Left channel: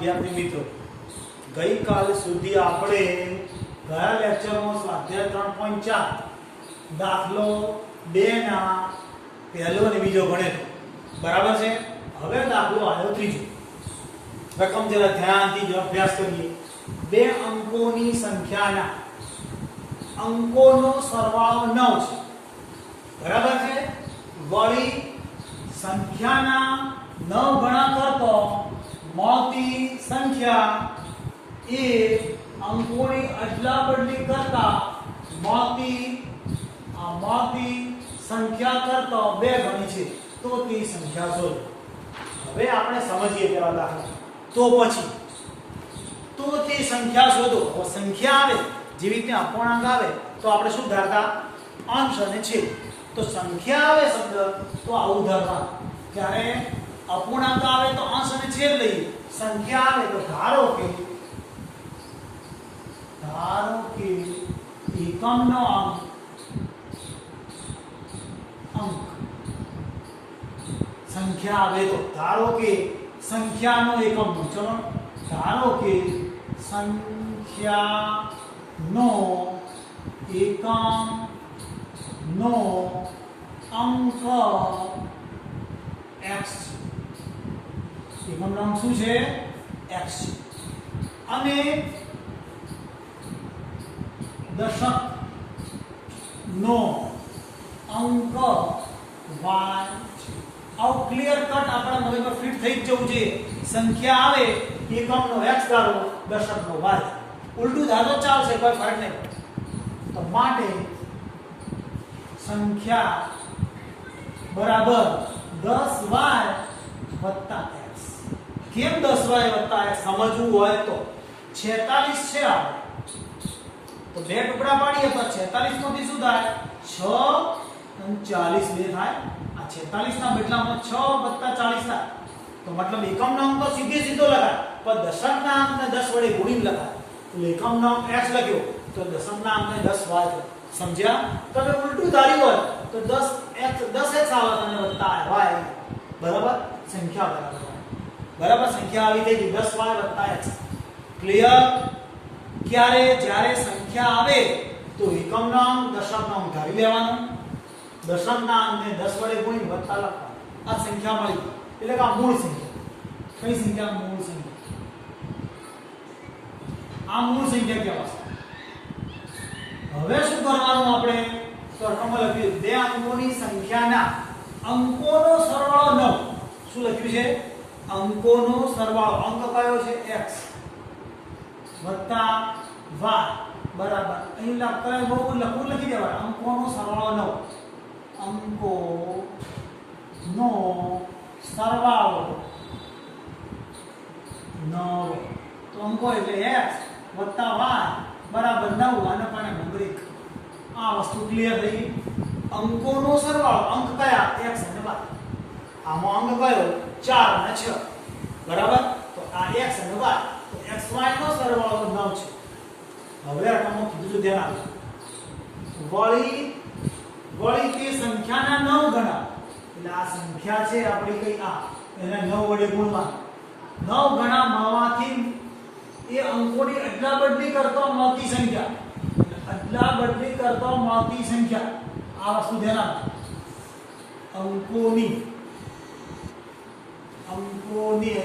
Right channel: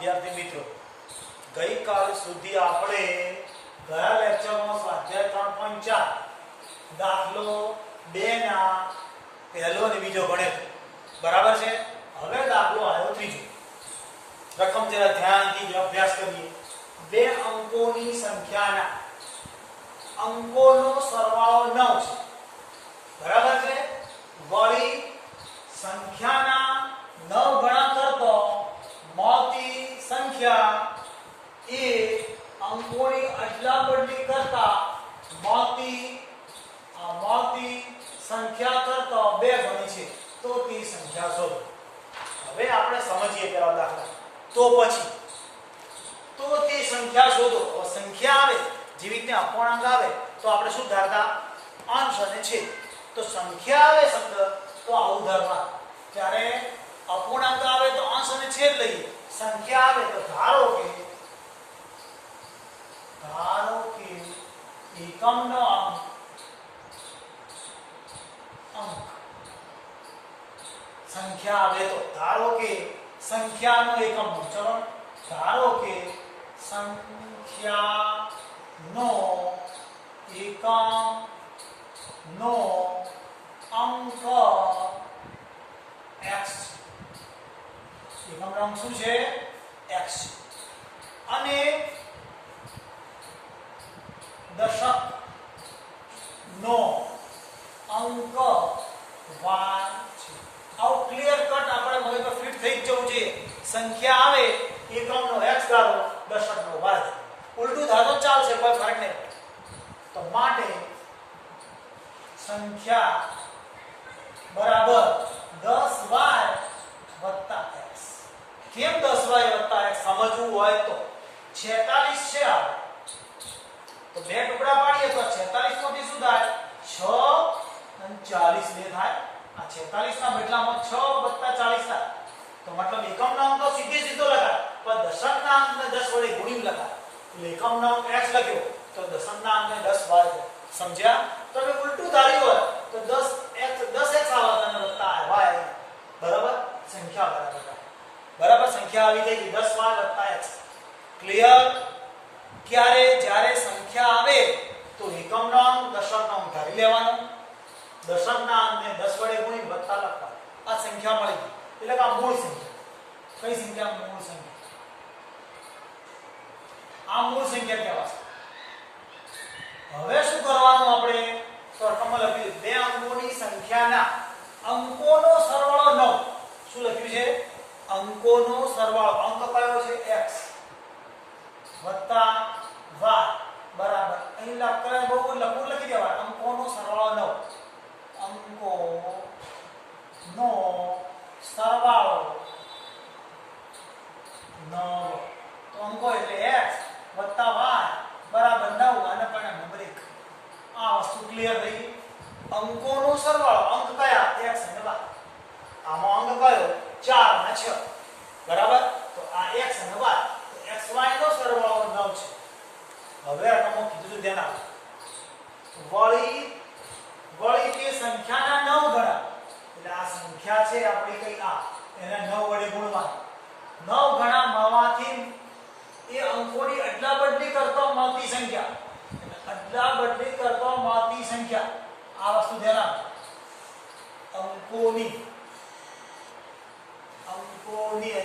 વિદ્યાર્થી મિત્રો, ગઈકાલ સુધી આપણે ગયા લેક્ચરમાં સ્વાધ્યાય 3.4 દાખલો 2 ના પહેલો અને બીજો ગણ્યો. બરાબર છે. હવે દાખલો આવ્યો ત્રીજો. રકમ જરા ધ્યાનથી જો અભ્યાસ કરીએ. બે અંકોની સંખ્યાના અંકોનો સરવાળો 9 છે. બરાબર છે. વળી સંખ્યાના 9 ગણા કરતો મળતી સંખ્યા એ અંકોની અદલાબદલી કરતા મળતી સંખ્યા કરતા 2 ગણી છે. તો તે સંખ્યા શોધો. હવે આપણે સમજીએ પેલા દાખલા. તો પછી તો તે સંખ્યા શોધો. હવે સંખ્યા આવે જેવી રીતે અપૂર્ણાંક આવે તો આપણે શું ધારતા? અંશ અને છેદ. તો સંખ્યા આવે શબ્દ તો આવું ધારવા. જ્યારે અપૂર્ણાંક આવે તો અંશ અને છેદ લઈએ. સંખ્યા આવે તો ધારો કે એકમનો અંક સંખ્યા આવે તો ધારો કે સંખ્યાનો એકમનો, ચલો ધારો કે સંખ્યાનો એકમનો અંક x. એકમનો અંક શું છે? x. અને દશકનો અંક y છે. આવું ક્લિયર કટ આપણે મગજમાં ફિટ થઈ જ જવું જોઈએ. સંખ્યા આવે એકમનો x ધારો, દશકનો y. ઉલટું ધારો ચાલશે, કોઈ ફરક નહીં પડે. તો માટે સંખ્યા બરાબર 10y વત્તા x. કેમ 10y વત્તા x સમજવું હોય તો 46 છે આપણે. તો બે ટુકડા પાડીએ તો 46 માંથી શું થાય? 6 અને 40 બે થાય. આ 46 ના બદલામાં 6 વત્તા 40 થાય. તો મતલબ એકમનો અંક તો સીધો લખાય, પણ દશકના અંકને 10 વડે ગુણીને લખાય. તો એકમનો અંક x લખ્યો તો દશકના અંકને 10y. સમજ્યા? તો હવે ઉલટું ધાર્યું હોય તો 10x આવે અને વત્તા y. બરાબર? સંખ્યા બરાબર સંખ્યા આવી ગઈ 10y વત્તા x. ક્લિયર? ક્યારે? જ્યારે સંખ્યા આવે તો એકમનો અંક દશકનો અંક ધારી લેવાનો, દશકના અંકને 10 વડે ગુણીને વત્તા લખવાનો. આ સંખ્યા મળી. એટલે કે આ મૂળ સંખ્યા. કઈ સંખ્યા? મૂળ સંખ્યા. આ મૂળ સંખ્યા કહેવાશે. હવે શું કરવાનું આપણે? તો રકમમાં લખ્યું બે અંકોની સંખ્યાના અંકોનો સરવાળો 9. શું લખ્યું છે? અંકોનો સરવાળો. અંક કયો છે? x વત્તા y બરાબર. અહીં લખતા બહુ લખવું લખી દેવાય. અંકોનો સરવાળો 9. અંકોનો સરવાળો 9. તો અંકો એટલે x વત્તા y બરાબર 9 અને પણ નંબર 1. આ વસ્તુ ક્લિયર થઈ. અંકોનો સરવાળો. અંક કયા? x અને y. આમાં અંક કયો? 4 અને 6. બરાબર? તો આ x અને y. તો x y નો સરવાળો 9 છે. હવે રકમો કીધું છે ધ્યાન આપજો. વળી તે સંખ્યાના 9 ગણા. એટલે આ સંખ્યા છે આપણી કઈ આ, એને 9 વડે ગુણવા. 9 ગણા મળવાથી એ અંકોની અદલાબદલી કરતો મળતી સંખ્યા. અદલાબદલી કરતો મળતી સંખ્યા. આ વસ્તુ ધ્યાન આપજો. અંકોની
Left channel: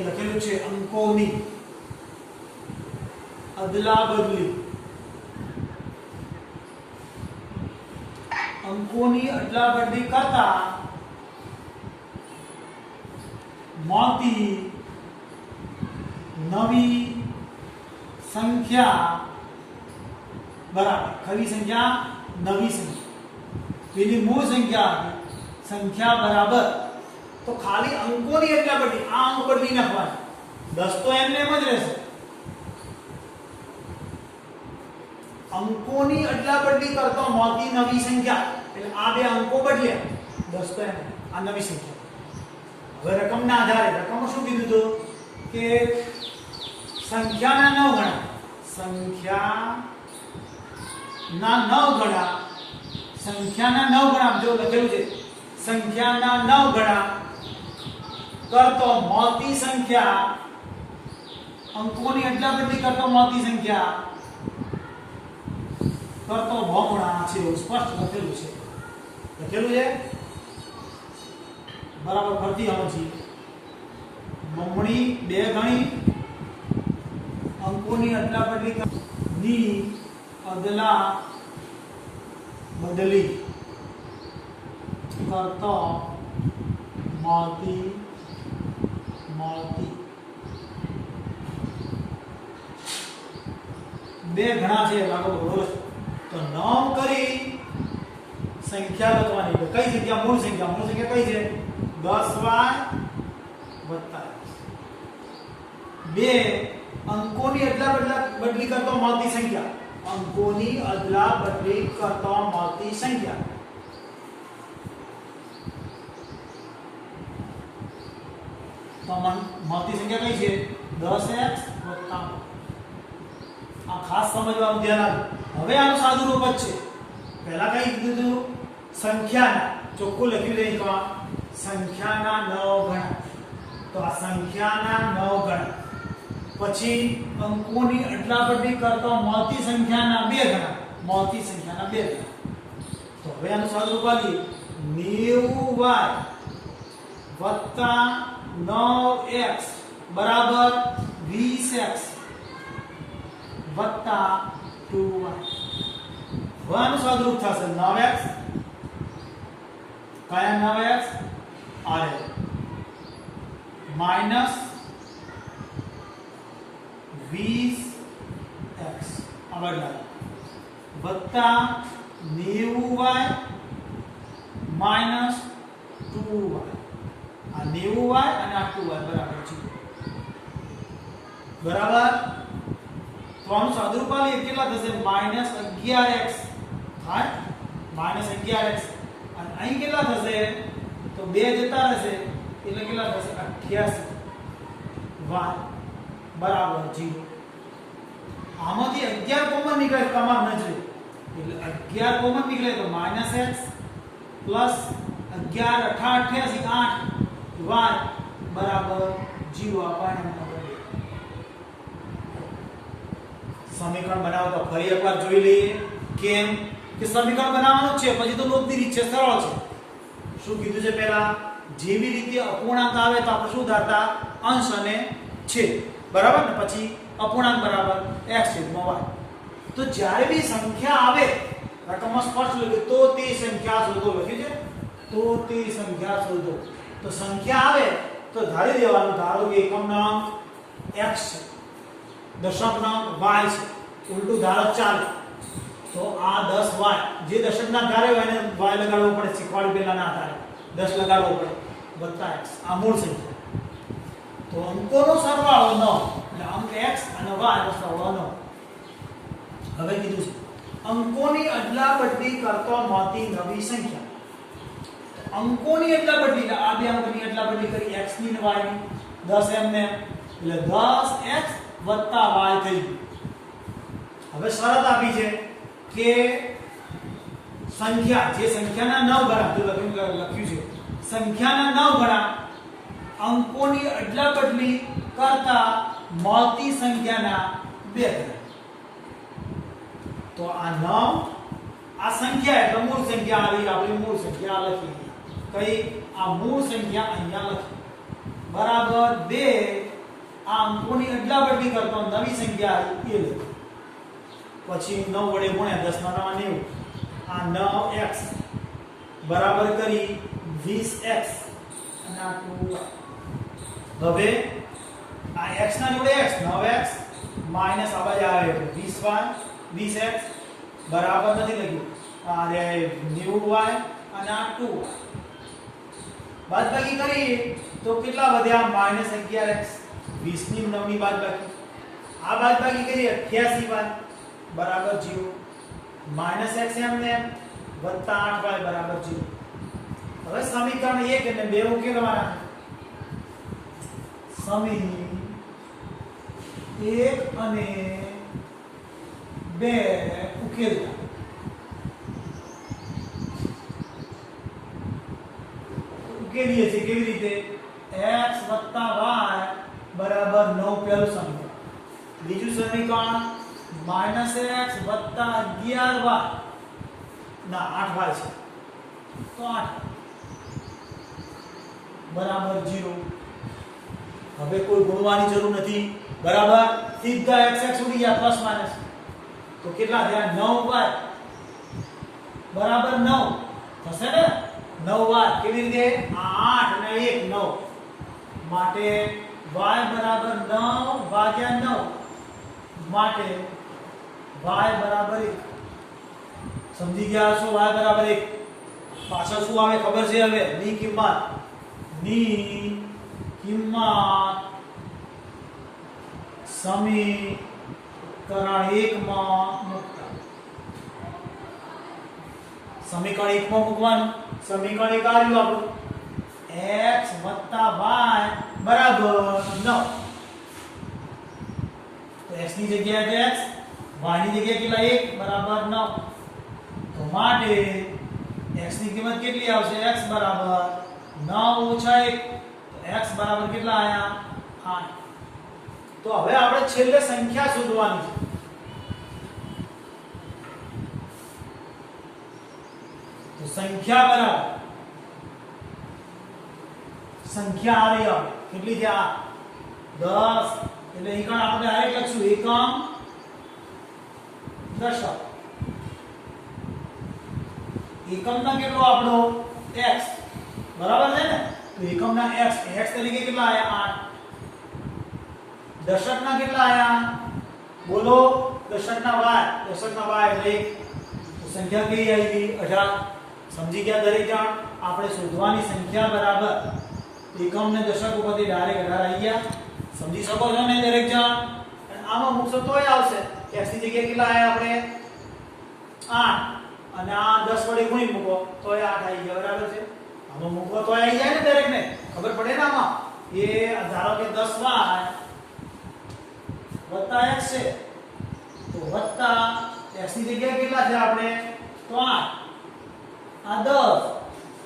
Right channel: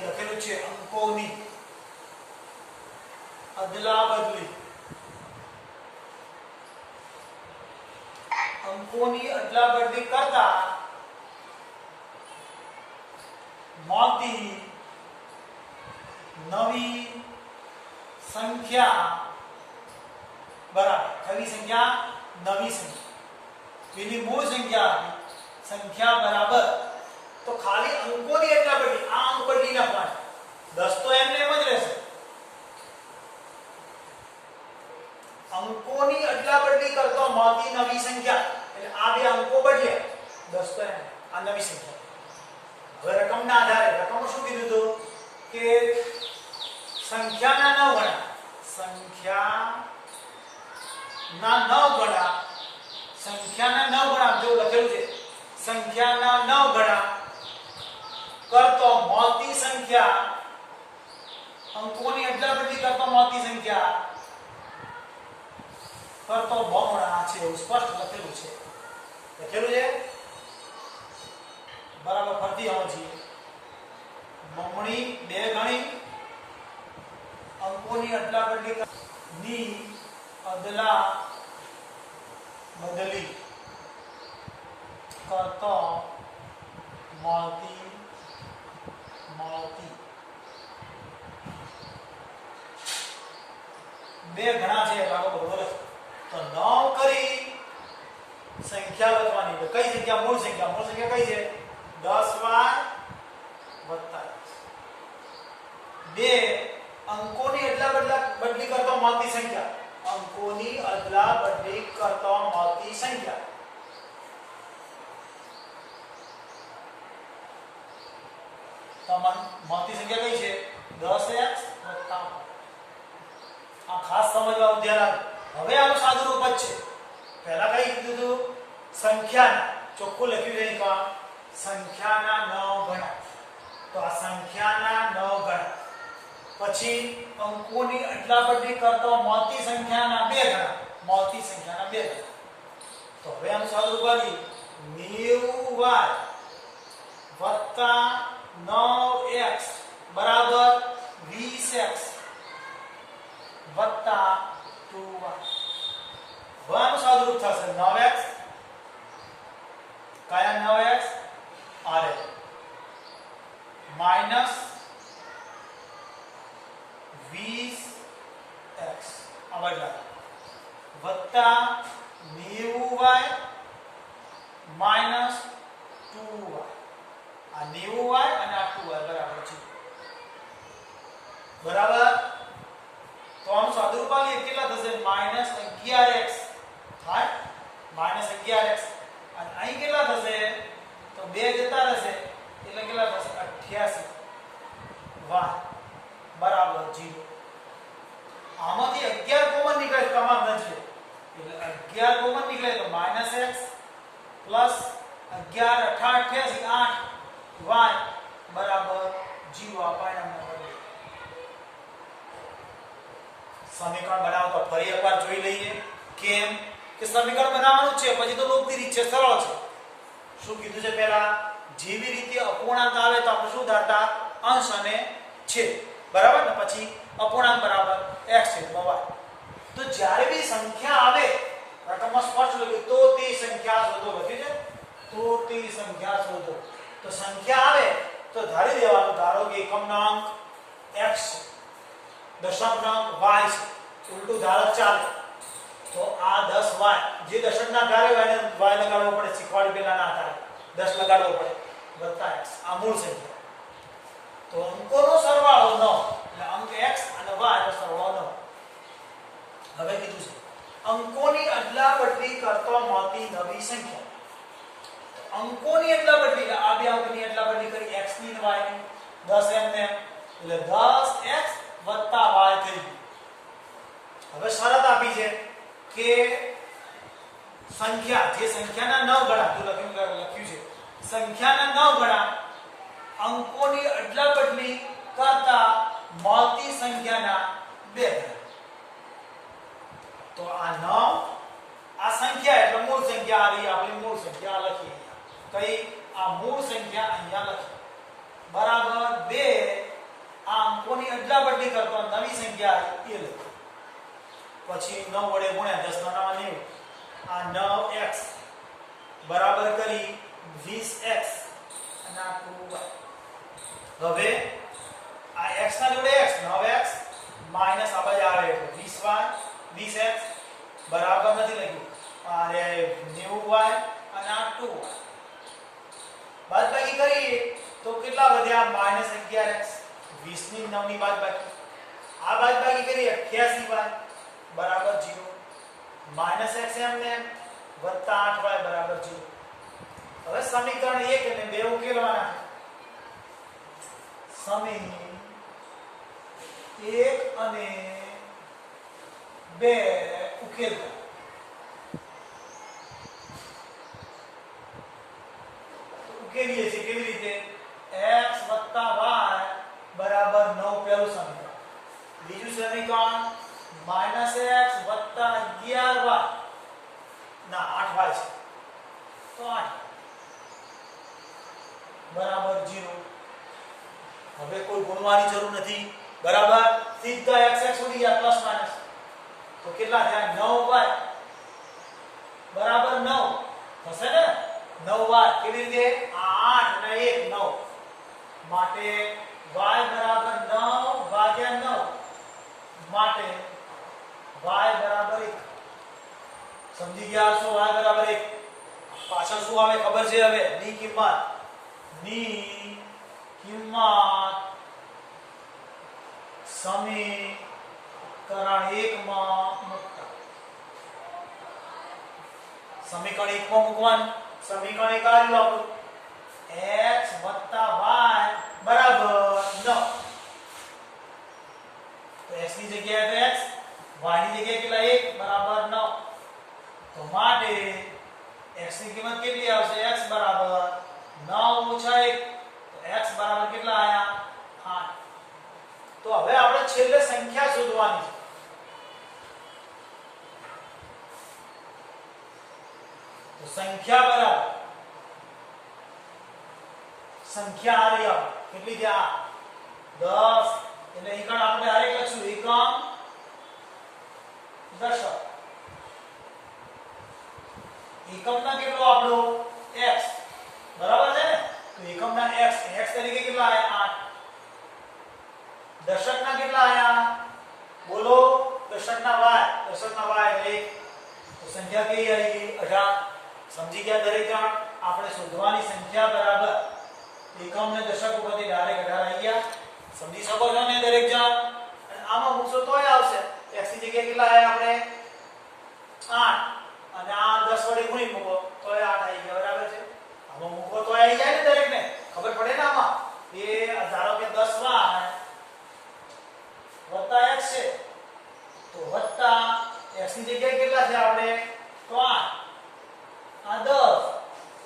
લખેલું છે અંકોની અદલાબદલી. અંકોની અદલાબદલી કરતા મળતી નવી સંખ્યા બરાબર. કઈ સંખ્યા? નવી સંખ્યા. પેલી મૂળ સંખ્યા હતી. સંખ્યા બરાબર. તો ખાલી અંકોની અદલાબદલી. આ અંક બદલી નાખવાની. 10 તો એમને એમ જ રહેશે. અંકોની અદલાબદલી કરતો મળતી નવી સંખ્યા. એટલે આ બે અંકો બદલ્યા. 10 તો એમ આ નવી સંખ્યા. હવે રકમના આધારે રકમ શું કીધું હતું કે સંખ્યાના 9 ગણા. સંખ્યાના 9 ગણા જો લખેલું છે. સંખ્યાના 9 ગણા કરતો મળતી સંખ્યા અંકોની અદલાબદલી કરતો મળતી સંખ્યા કરતો બમણા છે એવું સ્પષ્ટ લખેલું છે બરાબર ફરતી સમજીએ બમણી બે ગણી અંકોની અદલાબદલી ની અદલા બદલી કરતો મળતી બે ઘણા છે લાગો બરોબર તો 9 કરી સંખ્યા લખવાની તો કઈ સંખ્યા મૂળ સંખ્યા કઈ છે 10y વત્તા બે અંકોની અદલા બદલી કરતો મળતી સંખ્યા અંકોની અદલા બદલી કરતો મળતી સંખ્યા તો મળતી સંખ્યા કઈ છે 10x વત્તા આ ખાસ સમજવાનું ધ્યાન આપો હવે આનું સાદું રૂપ જ છે પહેલા કઈ કીધું હતું સંખ્યાના ચોખ્ખું લખ્યું છે તો સંખ્યાના 9 ગણા તો આ સંખ્યાના 9 ગણા પછી અંકોની અદલાબદલી કરતો મળતી સંખ્યાના 2 ગણા તો હવે આનું સાદું રૂપ આલી 90y વત્તા 9x બરાબર 20x વત્તા 2y વાનું સાદુરૂપ થશે 9x કયા 9x આરે માઈનસ 20x આ બદલા વત્તા 90y માઈનસ 2y આ 90y અને આ 2y બરાબર છે બરાબર તો આનું સાદુરૂપ આવીએ કેટલા થશે -11x થાય -11x અને અહીં કેટલા થશે તો 2 જતા રહેશે એટલે કેટલા થશે 88 y બરાબર 0 આમાંથી 11 કોમન નીકળે તમાર નજરે એટલે 11 કોમન નીકળે તો -x પ્લસ 11 88 8 y બરાબર 0 આપણને સમીકરણ બનાવતો ફરી એકવાર જોઈ લઈએ કેમ કે સમીકરણ બનાવવાનું છે પછી તો લોભની રીત છે સરળ છે શું કીધું છે પહેલા જેવી રીતે અપૂર્ણાંક આવે તો આપણે શું ધારતા અંશ અને છેદ બરાબર ને પછી અપૂર્ણાંક બરાબર x છેદમાં y તો જ્યારે બી સંખ્યા આવે રકમમાં સ્પષ્ટ લખ્યું તો તે સંખ્યા શોધો લખ્યું છે તો તે સંખ્યા શોધો તો સંખ્યા આવે તો ધારી દેવાનું ધારો કે એકમનો અંક x છે દશકનાંક y છે ઉલટું ધારક ચાલે તો આ 10y જે દશકના ઘારે હોય એને y લગાડવો પડે શીખવાડી પહેલા ના થાય 10 લગાડવો પડે વત્તા x આ મૂળ સંખ્યા તો અંકોનો સરવાળો 9 એટલે અંક x અને y નો સરવાળો 9 હવે કીધું છે અંકોની અદલાબદલી કરતો મળતી નવી સંખ્યા અંકોની અદલાબદલી એટલે આ બે અંકની અદલાબદલી કરી x ની અને y ની 10 એમ ને એટલે 10x વત્તા y થઈ ગયું હવે શરત આપી છે કે સંખ્યા જે સંખ્યાના 9 ગણા જો લખ્યું છે સંખ્યાના 9 ગણા અંકોની અદલાબદલી કરતા મળતી સંખ્યાના 2 ગણા તો આ 9 આ સંખ્યા એટલે મૂળ સંખ્યા આવી આપણે મૂળ સંખ્યા લખી કઈ આ મૂળ સંખ્યા અહીંયા લખી બરાબર 2 આ અંકોની અદલાબદલી કરતો નવી સંખ્યા આવી એ લખી પછી 9 વડે ગુણ્યા 10 ના 90 આ 9x બરાબર કરી 20x અને આ 2y હવે આ x ના જોડે x 9x માઈનસ આ બાજુ આવે એટલે 20y 20x બરાબર નથી લખ્યું આ 90y અને આ 2y બાદબાકી કરીએ તો કેટલા વધ્યા -11x 20 ની 9 ની બાદબાકી આ બાદબાકી કરીએ 88y બરાબર 0 -x એમને વત્તા 8y બરાબર 0 હવે સમીકરણ 1 અને 2 ઉકેલવાના સમીકરણ 1 અને 2 ઉકેલવા ઉકેલીએ છીએ કેવી રીતે x y બરાબર 9 પહેલું સમીકરણ બીજું સમીકરણ -x વત્તા 11y ના 8y છે તો 8 બરાબર 0. હવે કોઈ ગુણવાની જરૂર નથી બરાબર સીધા x ઉડી ગયા પ્લસ માઈનસ તો કેટલા થયા 9y બરાબર 9 થશે ને 9y કેવી રીતે આ 8 અને 1 9 માટે y બરાબર 9 ભાગ્યા 9 માટે y બરાબર 1 સમજી ગયા છો y બરાબર 1 પાછળ શું આવે ખબર છે હવે ની કિંમત સમીકરણ 1 માં મૂકતા સમીકરણ 1 માં મૂકવાનું સમીકરણ 1 આવ્યું આપણું x વત્તા y બરાબર 9 તો x ની જગ્યાએ x y ની જગ્યાએ કેટલા 1 બરાબર 9 તો માટે x ની કિંમત કેટલી આવશે x બરાબર 9 ઓછા 1 તો x બરાબર કેટલા આયા 8 તો હવે આપણે છેલ્લે સંખ્યા શોધવાની છે તો સંખ્યા બરાબર સંખ્યા આ રહી આપણે કેટલી છે આ 10 એટલે એકમ આપણે ડાયરેક્ટ લખશું એકમ દશક એકમના કેટલો આપણો x બરાબર છે ને તો એકમના x તરીકે કેટલા આયા 8 દશકના કેટલા આયા બોલો દશકના y એટલે તો સંખ્યા કઈ આવી ગઈ 18 સમજી ગયા દરેક જણ આપણે શોધવાની સંખ્યા બરાબર એકમ ને દશક ઉપરથી ડાયરેક્ટ 18 આવી ગયા સમજી શકો છો ને દરેક જણ આમાં મૂકશો તોય આવશે x ની જગ્યાએ કેટલા આયા આપણે 8 અને આ 10 વડે ગુણી મૂકો તોય 8 આવી ગયા બરાબર છે આમાં મૂકો તોય આવી જાય ને દરેક ને ખબર પડે ને આમાં એ ધારો કે 10y વત્તા x છે તો વત્તા x ની જગ્યાએ કેટલા છે આપણે તો 8 આ 10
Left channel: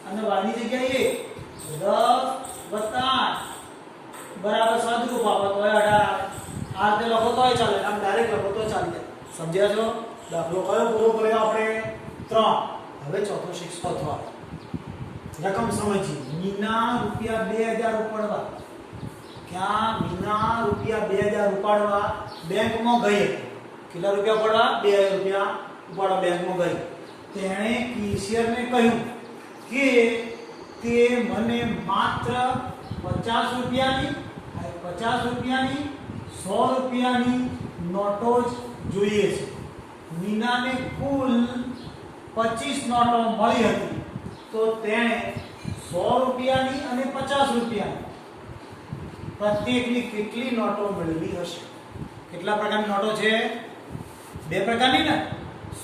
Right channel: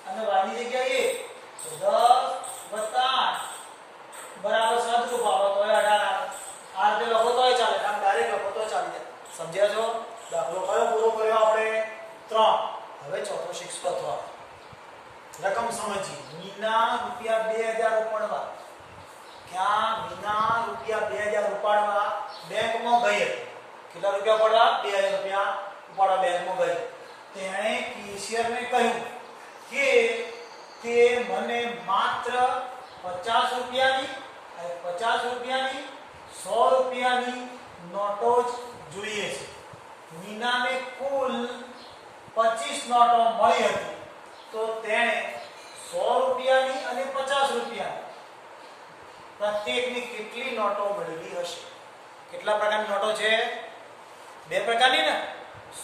અને y ની જગ્યાએ 1 તો 10 વત્તા 8 બરાબર સાદુરૂપ આપો તોય 18 આ રીતે લખો તોય ચાલે આમ ડાયરેક્ટ લખો તોય ચાલી જાય સમજ્યા છો દાખલો કયો પૂરો કર્યો આપણે 3 હવે ચોથો શિક્ષકો થવા રકમ સમજી મીના રૂપિયા 2000 ઉપાડવા ત્યાં મીના રૂપિયા 2000 ઉપાડવા બેંકમાં ગઈ હતી કેટલા રૂપિયા ઉપાડવા 2000 રૂપિયા ઉપાડવા બેંકમાં ગઈ તેણે કેશિયરને કહ્યું કે તે મને માત્ર 50 રૂપિયાની 100 રૂપિયાની નોટો જ જોઈએ છે મીનાને કુલ 25 નોટો મળી હતી તો તેણે 100 રૂપિયાની અને 50 રૂપિયાની પ્રત્યેકની કેટલી નોટો મેળવી હશે કેટલા પ્રકારની નોટો છે બે પ્રકારની ને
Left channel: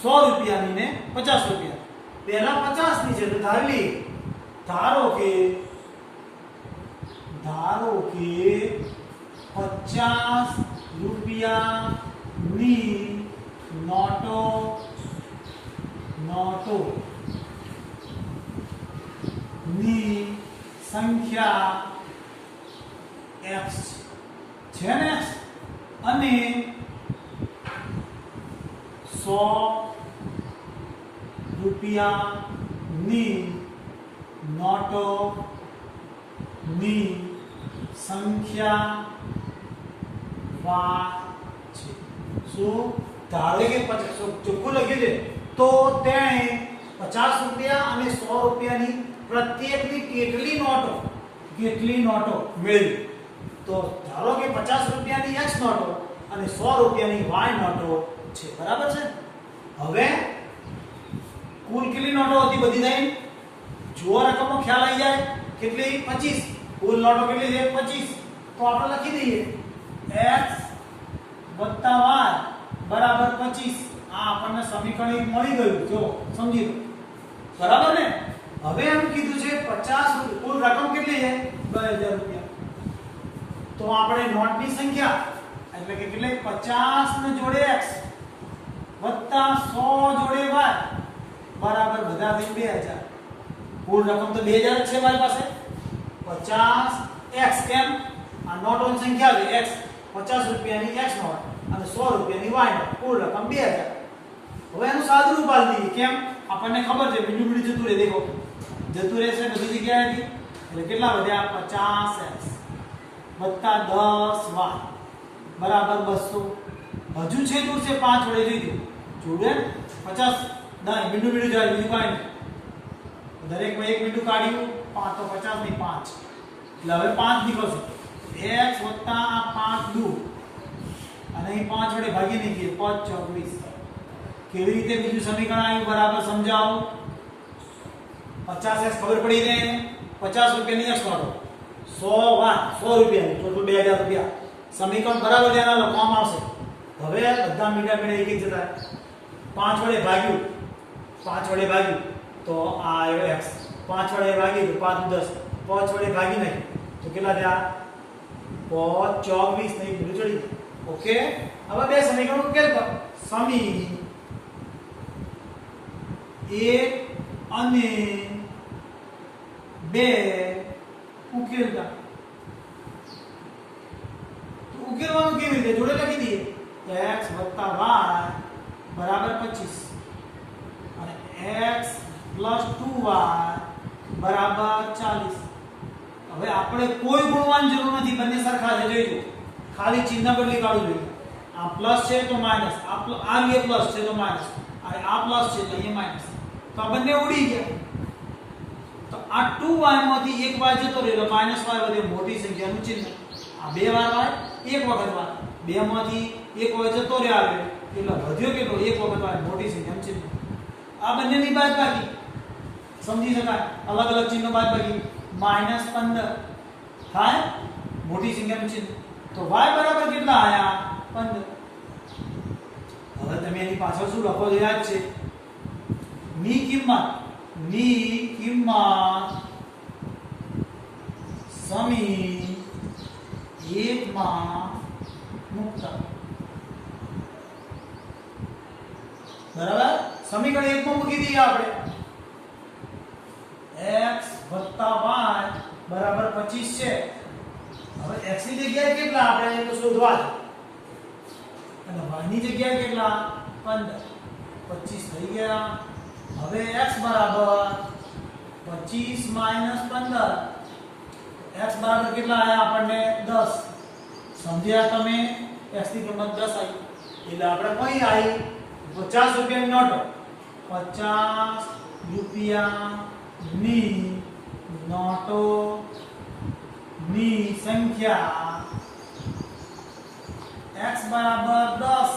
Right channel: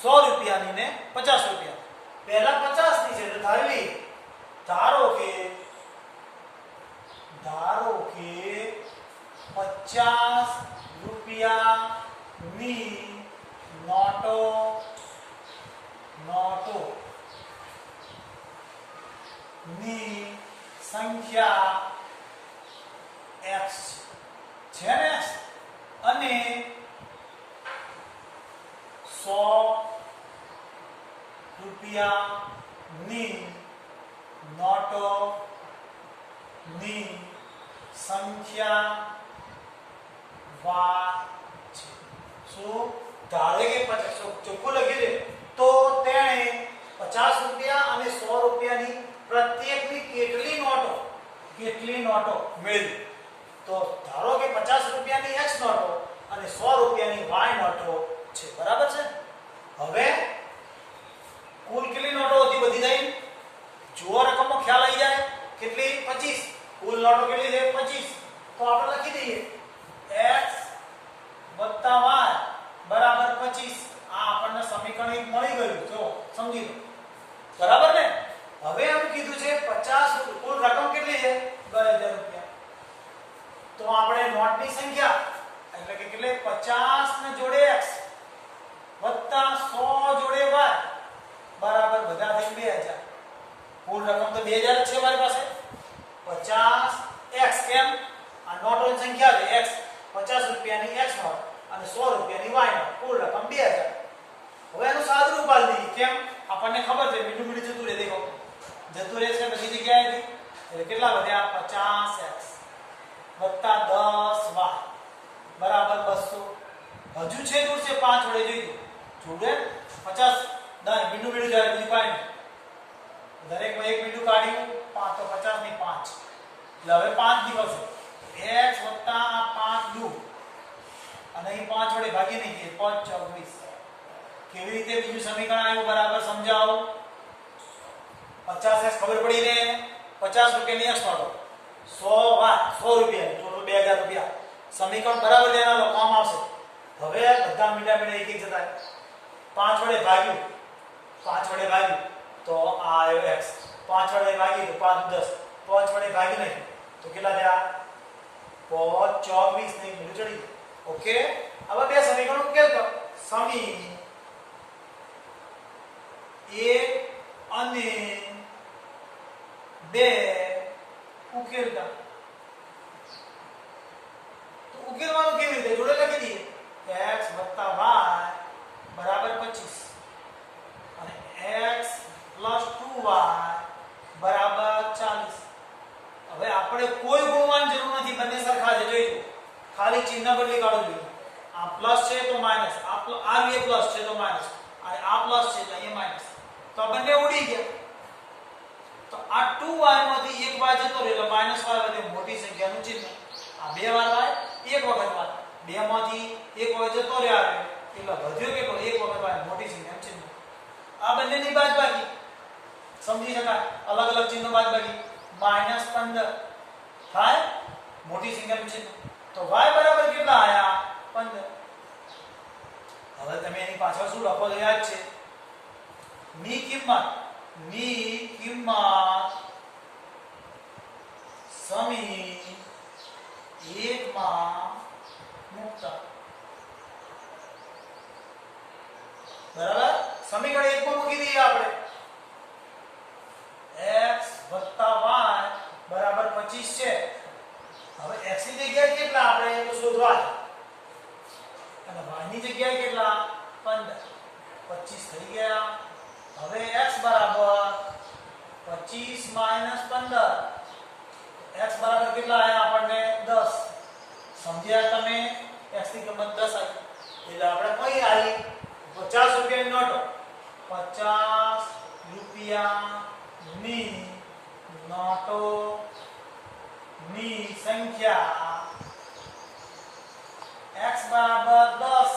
100 રૂપિયાની ને 50 રૂપિયા પહેલા 50 ની છે તો ધારી લઈએ ધારો કે 50 રૂપિયાની નોટો ની સંખ્યા x છે ને અને 100 રૂપિયાની નોટો ની સંખ્યા y છે શું ધારો કે ચોખ્ખું લખ્યું છે તો તેણે 50 રૂપિયા અને 100 રૂપિયાની પ્રત્યેકની કેટલી નોટો મેળવી તો ધારો કે 50 રૂપિયાની x નોટો અને 100 રૂપિયાની y નોટો છે બરાબર છે હવે કુલ કેટલી નોટો હતી બધી થઈ જો રકમનો ખ્યાલ આવી જાય કેટલી 25 કુલ નોટો કેટલી છે 25 તો આપણે લખી દઈએ x વત્તા y બરાબર 25 આ આપણને સમીકરણ એક મળી ગયું જો સમજી લો બરાબર ને હવે એમ કીધું છે 50 કુલ રકમ કેટલી છે 2000 રૂપિયા તો આપણે નોટની સંખ્યા એટલે કે કેટલે 50 ને જોડે x વત્તા 100 જોડે y બરાબર બધા થઈ 2000 કુલ રકમ તો 2000 જ છે મારી પાસે 50 x કેમ આ નોટોની સંખ્યા છે x 50 રૂપિયાની x નોટ અને 100 રૂપિયાની y નોટ, કુલ રકમ 2000. હવે એનું સાદું રૂપ આલી દઈએ. કેમ? આપણને ખબર છે મીંડું મીંડું જતું રહે. દેખો જતું રહેશે બધી જગ્યાએથી. એટલે કેટલા વધ્યા? 50x વત્તા 10y બરાબર 200. હજુ છે દૂર છે 5 વડે જોઈતું જોડે 50 નહીં મીંડું મીંડું જાય બીજું કાંઈ નહીં. દરેકમાં એક મીંડું કાઢ્યું 5 તો 50 ની 5 એટલે હવે 5 નીકળશે. x વત્તા 5 દુ અને અહીં 5 વડે ભાગી નહીં દઈએ 5 24. કેવી રીતે બીજું સમીકરણ આવ્યું બરાબર સમજાવો. 50x ખબર પડી ને 50 રૂપિયાની x વાળો 100 રૂપિયાની ટોટલ 2000 રૂપિયા. સમીકરણ બરાબર ધ્યાન લખવામાં આવશે. હવે બધા મીંડા મીંડા એક એક જતા 5 વડે ભાગ્યું 5 વડે ભાગ્યું તો આ આવ્યો x. 5 વડે ભાગ્યું તો 5 10 5 વડે ભાગી નાખ્યું તો કેટલા થયા? 24 નહીં ભૂલી ચડી. ઓકે હવે બે સમીકરણો ઉકેલ કર. સમી 1 અને 2 ઉકેલતા. તો ઉકેલવાનું કેવી રીતે? જોડે લખી દઈએ x + y બરાબર 25 અને x + 2y બરાબર 40. હવે આપણે કોઈ ગુણવાની જરૂર નથી, બંને સરખા છે. જોઈજો ખાલી ચિહ્ન બદલી કાઢવું જોઈએ. આ પ્લસ છે તો માઈનસ, આ લે પ્લસ છે તો માઈનસ, અને આ પ્લસ છે તો અહીંયા માઈનસ. તો આ બંને ઉડી ગયા. તો આ 2y માંથી એક y જતો રહ્યો એટલે -y વધે, મોટી સંખ્યાનું ચિહ્ન. આ બે વાર y એક વખત y, બે માંથી એક y જતો રહ્યો એટલે વધ્યો કેટલો? એક વખત y, મોટી સંખ્યાનું ચિહ્ન. આ બંનેની બાદબાકી સમજી શકાય. અલગ અલગ ચિહ્નો બાદબાકી -15 થાય, મોટી સંખ્યાનું ચિહ્ન. તો y બરાબર કેટલા આયા? 15. હવે તમે એની પાછળ શું લખો છો યાદ છે? ની કિંમત સમી 1 માં મૂકતા. બરાબર? સમીકરણ 1 માં મૂકી દઈએ આપણે. x + y બરાબર 25 છે. હવે x ની જગ્યાએ કેટલા આપણે એ શોધવા છે અને y ની જગ્યાએ કેટલા? 15. 25 થઈ ગયા. હવે x બરાબર 25 - 15. x બરાબર કેટલા આયા આપણને? 10. સમજ્યા તમે? x ની કિંમત 10 આવી એટલે આપણે કઈ આવી? 50 રૂપિયાની નોટો. 50 રૂપિયાની નોટો ની સંખ્યા x બરાબર 10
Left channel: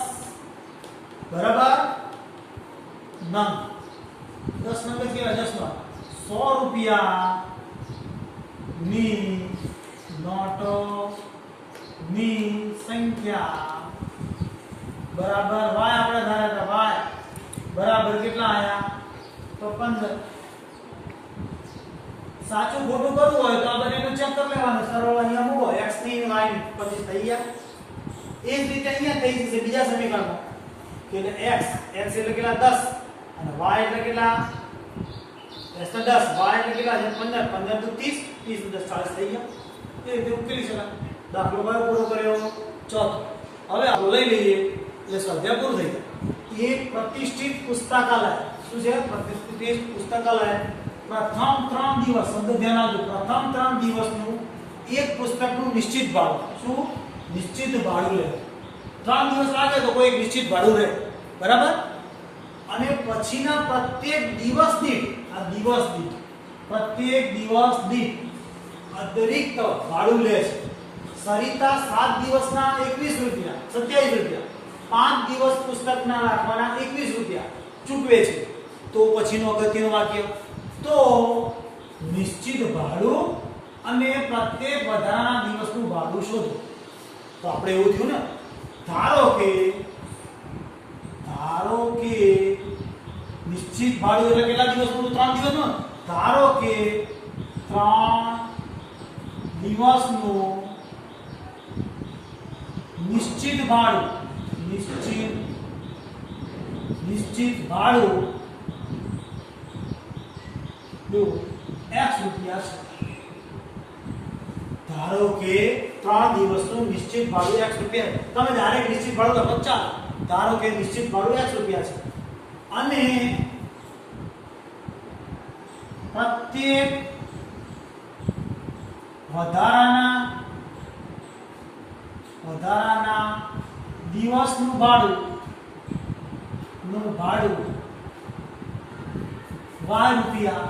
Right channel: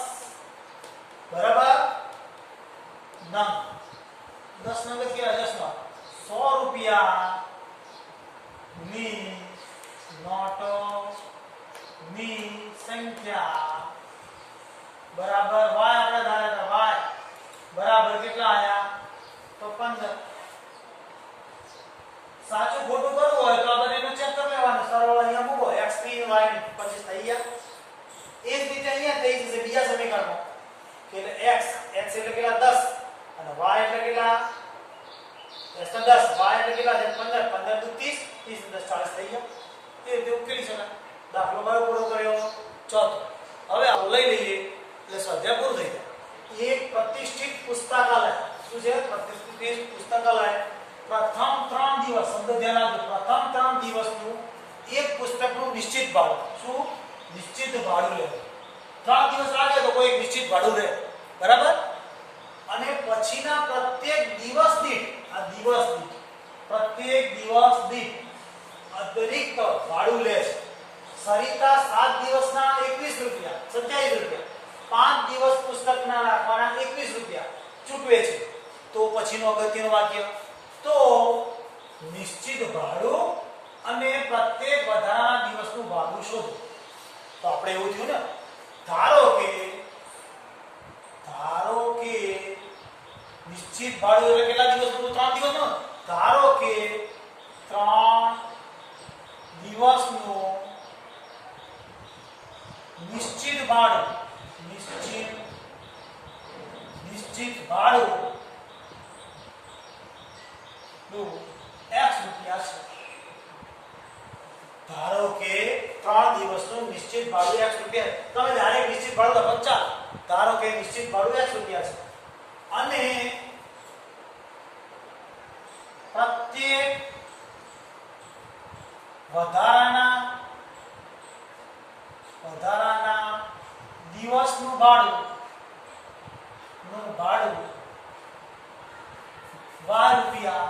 બરાબર નંગ. 10 નંગ કેવા? 10 નો 100 રૂપિયાની નોટો ની સંખ્યા બરાબર y આપણે ધાર્યા હતા. y બરાબર કેટલા આયા? તો 15. સાચું ખોટું કરવું હોય તો આ બંનેનું ચેક કરી લેવાનું. સરવાળો અહીંયા મૂકો x ની y ની 25 થઈ ગયા. એ જ રીતે અહીંયા થઈ જશે બીજા સમીકરણમાં કે x એટલે કેટલા? 10 અને y એટલે કેટલા? x તો 10, y એટલે કેટલા છે? 15. 15 દુ 30, 30 દુ 10 40 થઈ ગયા. એ રીતે ઉકેલી શકાય. દાખલો કયો પૂરો કર્યો? ચોથો. હવે આપણે લઈ લઈએ એટલે સ્વાધ્યાય પૂરું થઈ જાય. એક પ્રતિષ્ઠિત પુસ્તકાલય. શું છે? પ્રતિષ્ઠિત પુસ્તકાલય પ્રથમ 3 દિવસ, શબ્દ ધ્યાન આપજો, પ્રથમ 3 દિવસનું એક પુસ્તકનું નિશ્ચિત ભાડું. શું? નિશ્ચિત ભાડું લે. 3 દિવસ લાગે તો કોઈ એક નિશ્ચિત ભાડું રહે. બરાબર? અને પછીના પ્રત્યેક દિવસ દીઠ, આ દિવસ દીઠ, પ્રત્યેક દિવસ દીઠ અતિરિક્ત ભાડું લે છે. સરિતા 7 દિવસના 21 રૂપિયા, 27 રૂપિયા, 5 દિવસ પુસ્તકના રાખવાના 21 રૂપિયા ચૂકવે છે. તો પછીનું અગત્યનું વાક્ય, તો નિશ્ચિત ભાડું અને પ્રત્યેક વધારાના દિવસનું ભાડું શોધો. તો આપણે એવું થયું ને, ધારો કે નિશ્ચિત ભાડું એટલે કેટલા દિવસનું? 3 દિવસનું. ધારો કે 3 દિવસનું નિશ્ચિત ભાડું x રૂપિયા છે. ધારો કે 3 દિવસનું નિશ્ચિત ભાડું x રૂપિયા છે. તમે ડાયરેક્ટ નિશ્ચિત ભાડું લખો ચાલો. ધારો કે નિશ્ચિત ભાડું x રૂપિયા છે અને પ્રત્યેક વધારાના દિવસનું ભાડું y રૂપિયા.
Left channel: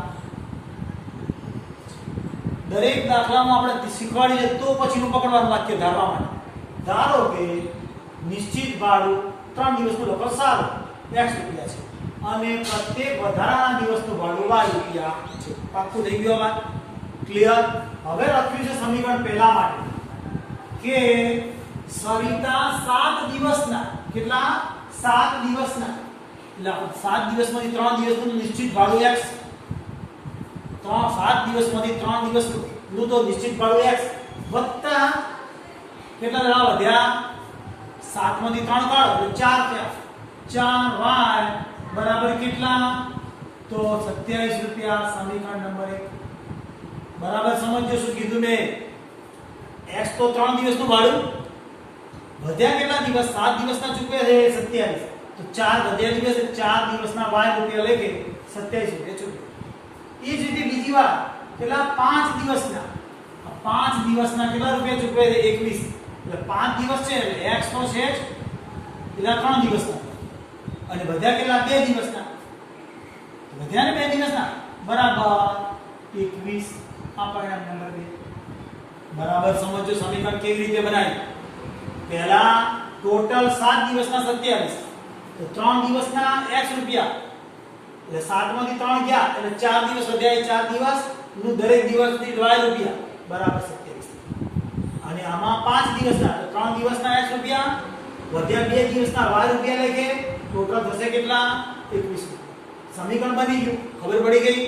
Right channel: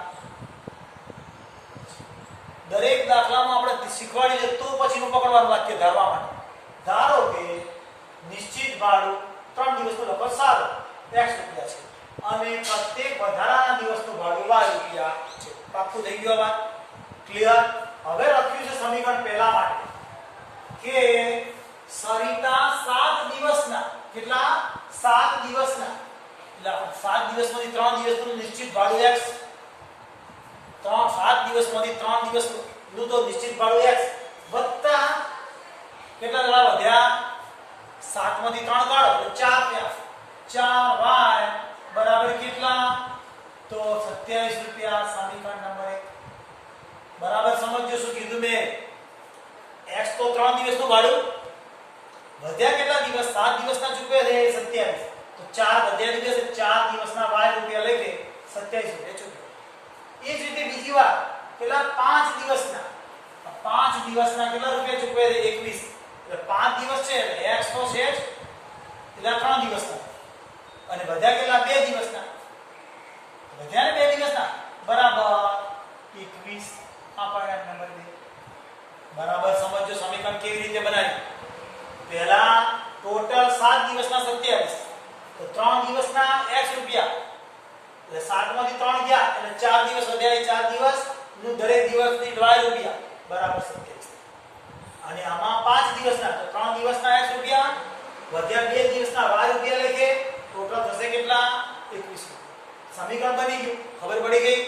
દરેક દાખલામાં આપણે શીખવાડી છે તો પછીનું પકડવાનું વાક્ય ધારવા માટે. ધારો કે નિશ્ચિત ભાડું 3 દિવસનું લખો સારું x રૂપિયા છે અને પ્રત્યેક વધારાના દિવસનું ભાડું y રૂપિયા છે. પાક્કું થઈ ગયું વાત? ક્લિયર? હવે લખ્યું છે સમીકરણ પહેલા માટે કે સરિતા 7 દિવસના કેટલા 7 દિવસના એટલે 7 દિવસમાંથી 3 દિવસનું નિશ્ચિત ભાડું x 7 દિવસમાંથી 3 દિવસનું તો નિશ્ચિત ભાડું x વત્તા કેટલા જણા વધ્યા 7 માંથી 3 કાઢો એટલે 4 થયા 4y બરાબર કેટલા તો 27 રૂપિયા. સમીકરણ નંબર 1 બરાબર સમજો શું કીધું મેં x તો 3 દિવસનું ભાડું વધ્યા કેટલા દિવસ 7 દિવસના ચૂકવે છે 27 તો 4 વધ્યા દિવસે 4 દિવસના y રૂપિયા લખે 27 રૂપિયા ચૂકવે. એ જ રીતે બીજી વાર કેટલા 5 દિવસના 5 દિવસના કેટલા રૂપિયા ચૂકવે છે 21 એટલે 5 દિવસ છે એટલે x તો છે જ એટલે 3 દિવસના અને વધ્યા કેટલા 2 દિવસના વધ્યા ને 2 દિવસના બરાબર 21 આ પરિણામ નંબર 2 બરાબર સમજો સમીકરણ કેવી રીતે બનાવ્યું. પહેલા ટોટલ 7 દિવસના 27 તો 3 દિવસના x રૂપિયા એટલે 7 માંથી 3 ગયા એટલે 4 દિવસ વધ્યા 4 દિવસ નું દરેક દિવસ દીઠ y રૂપિયા બરાબર 27 અને આમાં 5 દિવસના તો 3 દિવસના x રૂપિયા વધ્યા 2 દિવસના y રૂપિયા લખે ટોટલ થશે કેટલા 21. સમીકરણ બની ગયું ખબર પડી ગઈ.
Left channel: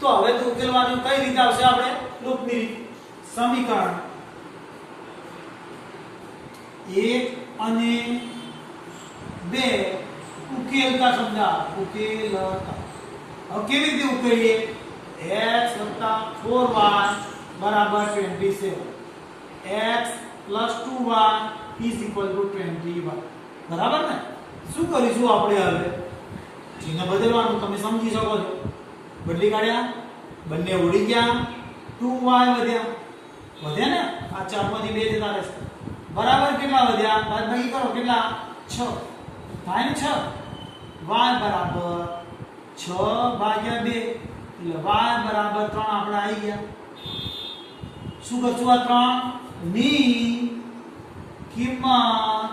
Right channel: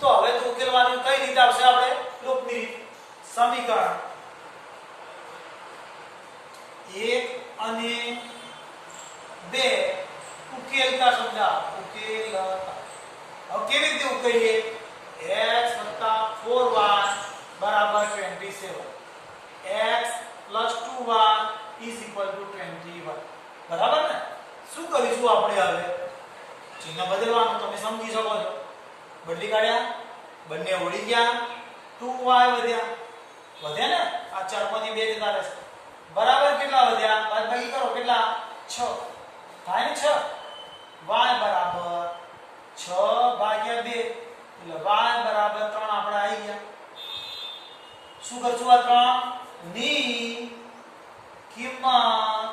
તો હવે તો ઉકેલવાનું કઈ રીતે આવશે આપણે લૂપની રીત. સમીકરણ 1 અને 2 ઉકેલતા સમજા ઉકેલતા. હવે કેવી રીતે ઉકેલીએ x 4y બરાબર 27 x 2y is equal to 21 બરાબર ને. શું કરીશું આપણે હવે ચિહ્ન બદલવાનું તમે સમજી શકો છો. બદલી કાઢ્યા બંને ઉડી ગયા 2y વધ્યા ને આ 4 માંથી 2 જતા રહેશે બરાબર કેટલા વધ્યા બાદબાકી કરો કેટલા 6 થાય ને 6 y બરાબર 6 ભાગ્યા 2 એટલે y બરાબર 3 આપણે આવી ગયા. શું કરશું આ 3 ની કિંમત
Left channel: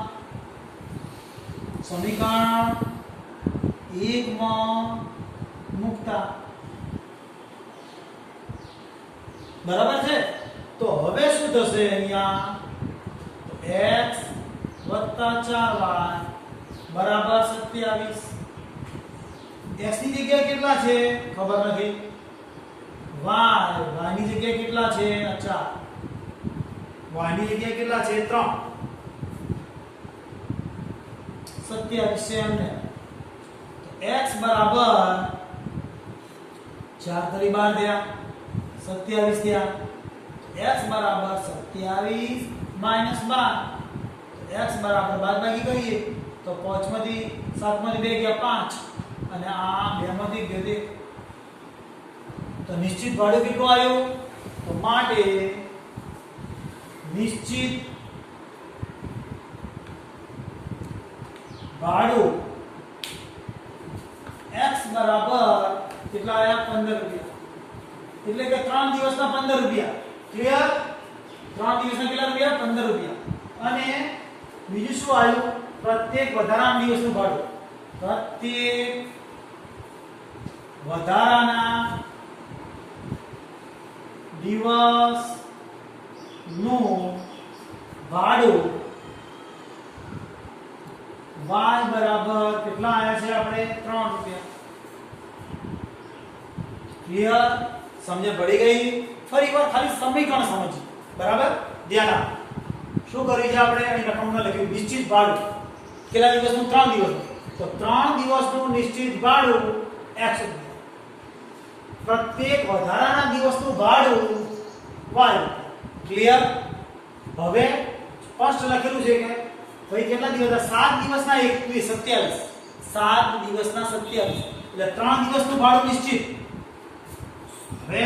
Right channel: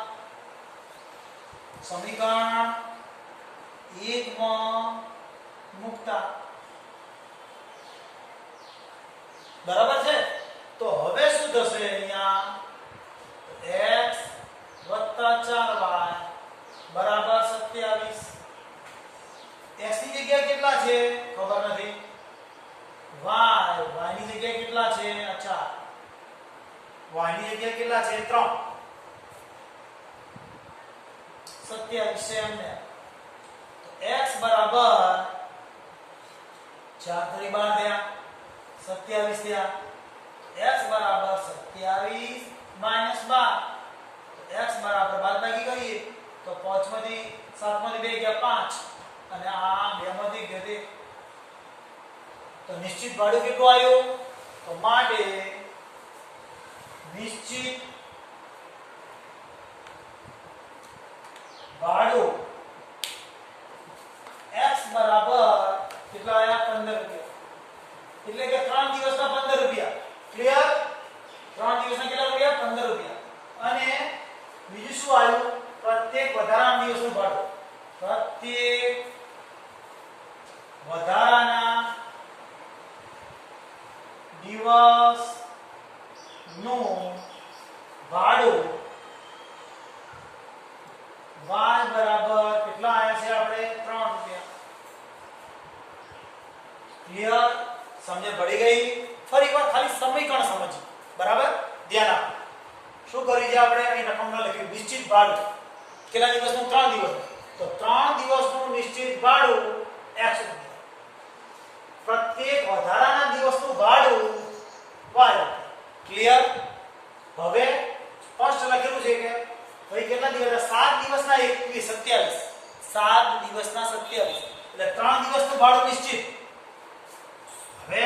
સમીકરણ 1 માં મૂકતા બરાબર છે. તો હવે શું થશે અહીંયા x 4y બરાબર 27 x ની જગ્યાએ કેટલા છે ખબર નથી y ની જગ્યાએ કેટલા છે 4 y ની જગ્યાએ કેટલા છે 3 27 છે અમને x બરાબર 4 તરી 12 થયા 27 થયા x બરાબર 27 માઈનસ 12 x બરાબર બાદબાકી કરીએ તો 5 માંથી 7 માંથી 2 ગયા 5 અને આ 2 માંથી ગયો 2 તો નિશ્ચિત ભાડું કેટલું આવ્યું તો માટે નિશ્ચિત ભાડું x બરાબર કેટલા આયા 15 રૂપિયા એટલે કે 3 દિવસના 15 રૂપિયા. ક્લિયર? 3 દિવસના કેટલા રૂપિયા 15 રૂપિયા. અને બીજું શું આવ્યું પ્રત્યેક વધારાના દિવસનું ભાડું પ્રત્યેક વધારાના દિવસનું ભાડું y બરાબર કેટલા આયા છે આપણે 3 રૂપિયા. ક્લિયર? સમજ પડી ગઈ? ફરી એકવાર ખાલી સમીકરણ સમજી બરાબર ધ્યાન આપો. શું કરી છે આપણે અહીં રકમમાં લખ્યું નિશ્ચિત ભાડું કેટલા દિવસનું 3 દિવસ તો 3 દિવસનું નિશ્ચિત ભાડું x પ્રત્યેક વધારાના દિવસનું ભાડું y ક્લિયર? હવે ફર્સ્ટ લખેલું છે કે ભાઈ કેટલા દિવસ? 7 દિવસના 21 27. 7 દિવસના 27 એટલે 3 દિવસનું ભાડું નિશ્ચિત. હવે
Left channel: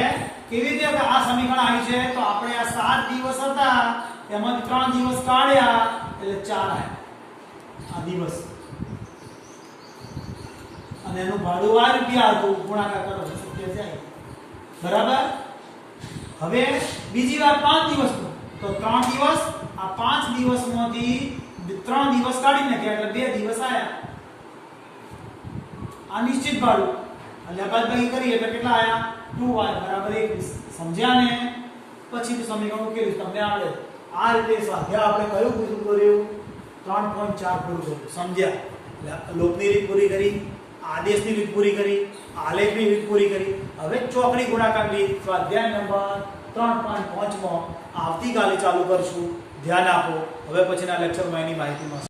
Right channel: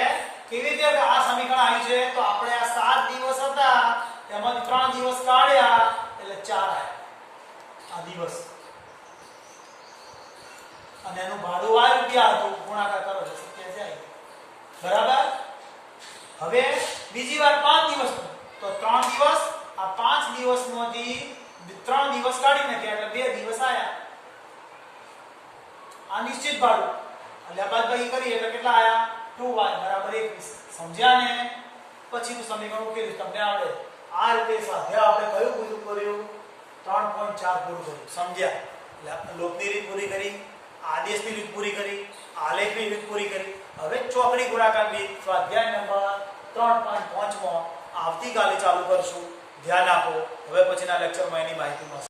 કેવી રીતે આ સમીકરણ આવ્યું છે? તો આપણે આ 7 દિવસ હતા તેમાંથી 3 દિવસ કાઢ્યા એટલે 4 આવ્યા આ દિવસ, અને એનું ભાડું આ રૂપિયા હતું, ગુણાકાર કરો એટલે 27 જાય. બરાબર? હવે બીજી વાર 5 દિવસનું, તો 3 દિવસ, આ 5 દિવસમાંથી 3 દિવસ કાઢી નાખ્યા એટલે 2 દિવસ આયા. આ નિશ્ચિત ભાડું એટલે બાદબાકી કરી એટલે કેટલા આયા? 2y બરાબર 21. સમજ્યા ને? પછીનું સમીકરણ ઉકેલ્યું તમને આવડે. આ રીતે સ્વાધ્યાય આપણે કયું પૂરું કર્યું? 3.4 પૂરું કર્યું. સમજ્યા? લોપની રીત પૂરી કરી, આદેશની રીત પૂરી કરી, આલેખની રીત પૂરી કરી. હવે ચોકડી ગુણાકાર રીત સ્વાધ્યાય નંબર 3.5 માં આવતીકાલે ચાલુ કરશું. ધ્યાન આપો. હવે પછીના લેક્ચરમાં એની માહિતી મળશે.